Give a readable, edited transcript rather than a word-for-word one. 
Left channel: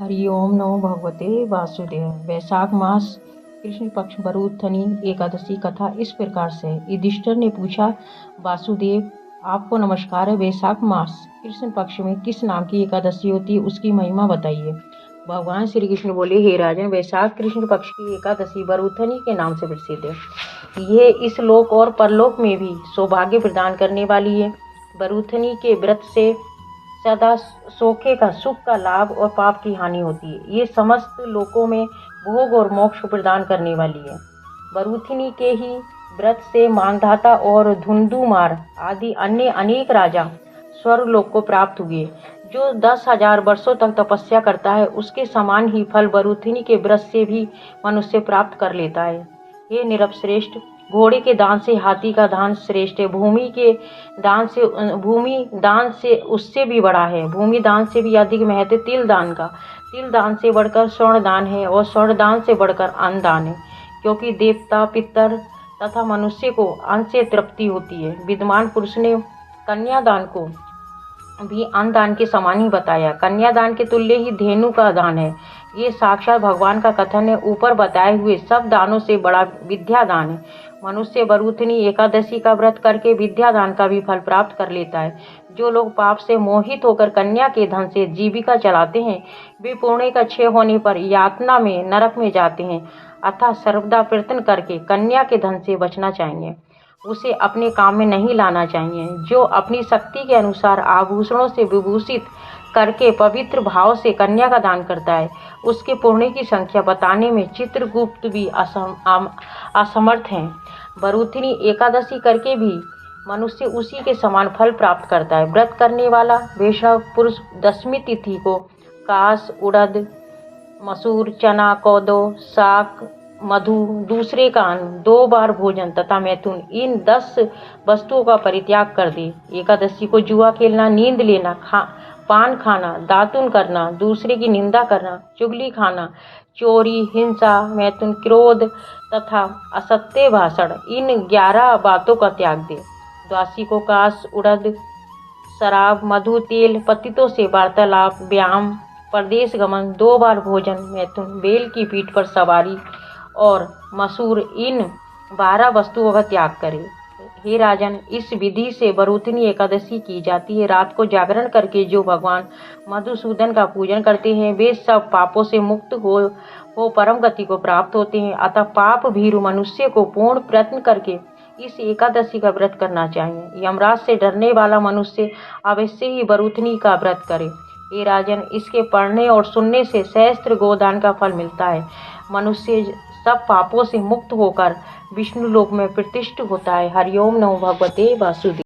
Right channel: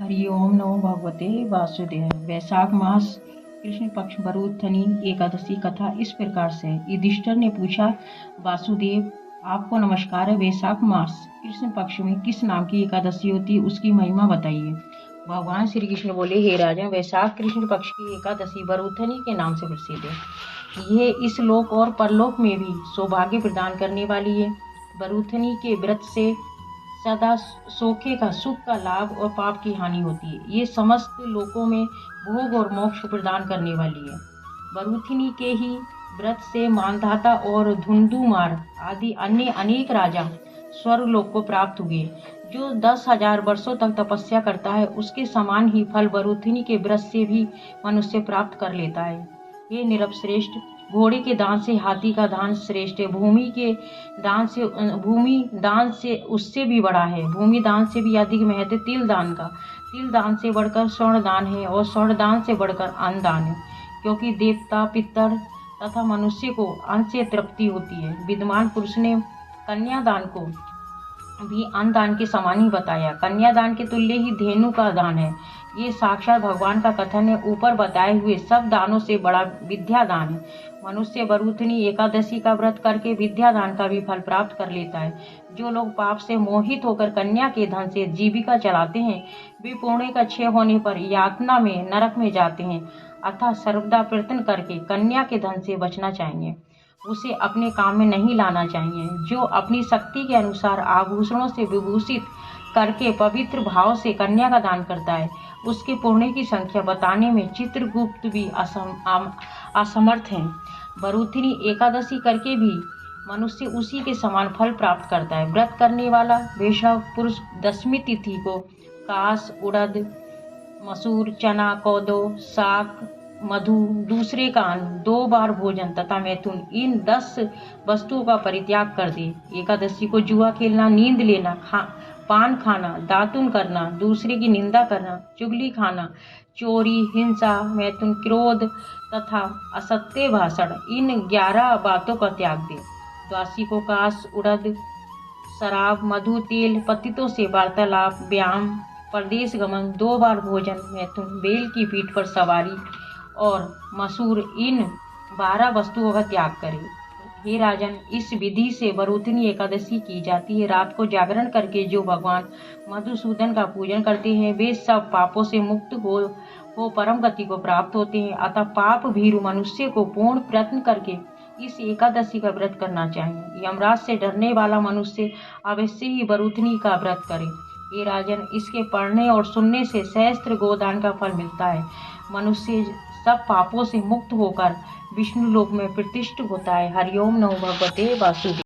हरि ओम नमो भगवते वासुदेव। वैशाख मास कृष्ण पक्ष बरूथनी एकादशी कथा इस प्रकार से। युधिष्ठिर ने पूछा, वासुदेव आपको नमस्कार है। वैशाख मास कृष्ण पक्ष में किस नाम की एकादशी होती है, उसकी महिमा बताइए। भगवान श्री कृष्ण बोले, हे राजन, वैशाख कृष्ण पक्ष की एकादशी बरूथनी के नाम से प्रसिद्ध है। ये इस लोक और परलोक में भी सौभाग्य प्रदान करने वाली है। बरूथनी के व्रत से सदा सोखे का सुख का लाभ और पाप की हानि होती है। ये समस्त लोकों में भोग और मोक्ष प्रदान करने वाली है। बरूथिनी के ही व्रत से मानधाता और धुंधुमार आदि अन्य अनेक राजा स्वर्ग लोक को प्राप्त हुए। जो 10,000 वर्षों तक तपस्या करता है, उसके समान ही फल बरूथिनी के व्रत से भी मनुष्य प्राप्त कर लेता है। ये निरपश्रेष्ठ, घोड़े के दान से हाथी का दान श्रेष्ठ है। भूमि दान से उससे भी बड़ा है। भूमि दान से भी अधिक महत्व तिल दान का। तिल दान से बढ़कर स्वर्ण दान है और स्वर्ण दान से बढ़कर अन्न दान है, क्योंकि देवता, पितर तथा मनुष्य को अन्न से तृप्ति होती है। विद्वान पुरुष ने कन्यादान को भी अन्न दान के समान ही बताया। कन्यादान के तुल्य ही धेनु का दान है। ये साक्षात भगवान का कथन है। ऊपर बताए हुए सब दानों से बड़ा विद्या दान है। मनुष्य बरूथनी एकादशी का व्रत करके विद्या दान का भी फल प्राप्त कर लेता है। जो लोग पाप से मोहित होकर कन्या के धन से जीविका चलाते हैं, वे पुण्य का क्षय होने पर यातना में, नरक में जाते हैं। अतः सर्वदा प्रयत्न करके कन्या के धन से बचना चाहिए। उसे अपने काम में नहीं लाना चाहिए। जो अपनी शक्ति के अनुसार आभूषणों से विभूषित करके पवित्र भाव से कन्या का दान करता है, उसके पुण्य की संख्या बताने में चित्रगुप्त भी असमर्थ हैं। बरूथिनी एकादशी करके भी मनुष्य उसी के समान फल प्राप्त करता है। व्रत करने वाला वैष्णव पुरुष दशमी तिथि को काश, उड़द, मसूर, चना, कोदो, साग, मधु, दूसरे का अन्न, 2 बार भोजन तथा मैथुन, इन 10 वस्तुओं का परित्याग कर दे। एकादशी को जुआ खेलना, नींद लेना, पान खाना, दातुन करना, दूसरे की निंदा करना, चुगली खाना, चोरी, हिंसा, मैथुन, क्रोध तथा असत्य भाषण, इन 11 बातों का त्याग दे। द्वादशी को काश, उड़द, शराब, मधु, तेल, पतितों से वार्तालाप, व्यायाम, परदेश गमन, 2 बार भोजन, मैथुन, बेल की पीठ पर सवारी और मसूर, इन 12 वस्तुओं का त्याग करे। हे राजन, इस विधि से बरूथनी एकादशी की जाती है। रात को जागरण करके जो भगवान मधुसूदन का पूजन करते हैं, वे सब पापों से मुक्त हो परम गति को प्राप्त होते हैं। अतः पाप भीरु मनुष्य को पूर्ण प्रयत्न करके इस एकादशी का व्रत करना चाहिए। यमराज से डरने वाला मनुष्य अवश्य ही बरूथनी का व्रत करे। हे राजन, इसके पढ़ने और सुनने से सहस्त्र गोदान का फल मिलता है। मनुष्य सब पापों से मुक्त होकर विष्णु लोक में प्रतिष्ठित होता है। हरि ओम नमो भगवते वासुदेव।